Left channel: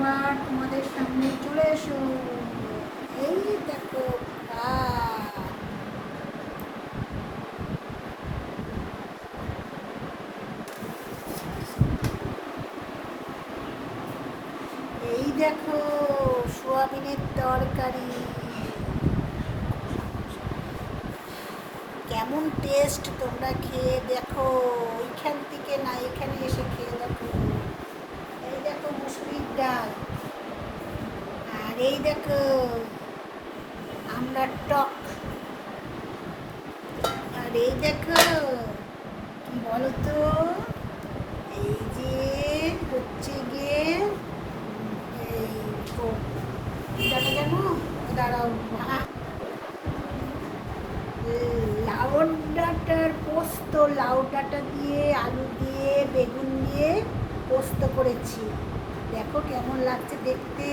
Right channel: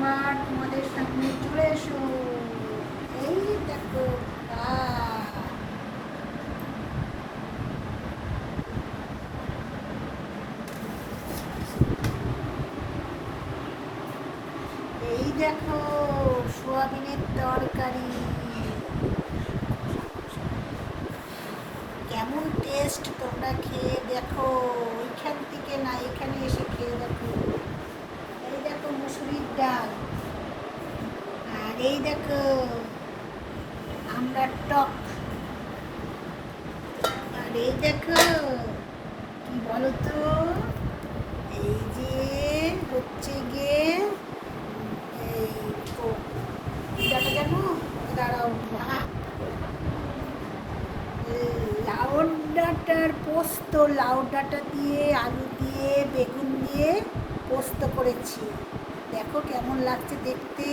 আবার তোমাদের সামনে চলে এসো। এই দেখো এই দেখো সোয়াবিনের তরকারি, কেমন টেস্ট তোমরা খেয়ে দেখো। এখান থেকে না এখানে এসে খেয়ে দেখো। এই দেখো মুসুরির ডাল, আর এই দেখো আমড়ার টক, আর এই দেখো কি বলতো, এই যে হচ্ছে গিয়ে এই জানো জানো দাঁড়াও, লাউ ডাঁটার পোস্ত, লাউ ডাঁটা দিয়ে আলু দিয়ে বেগুন দিয়ে পোস্ত করেছি। দেখো কেমন লাগছে দেখতে।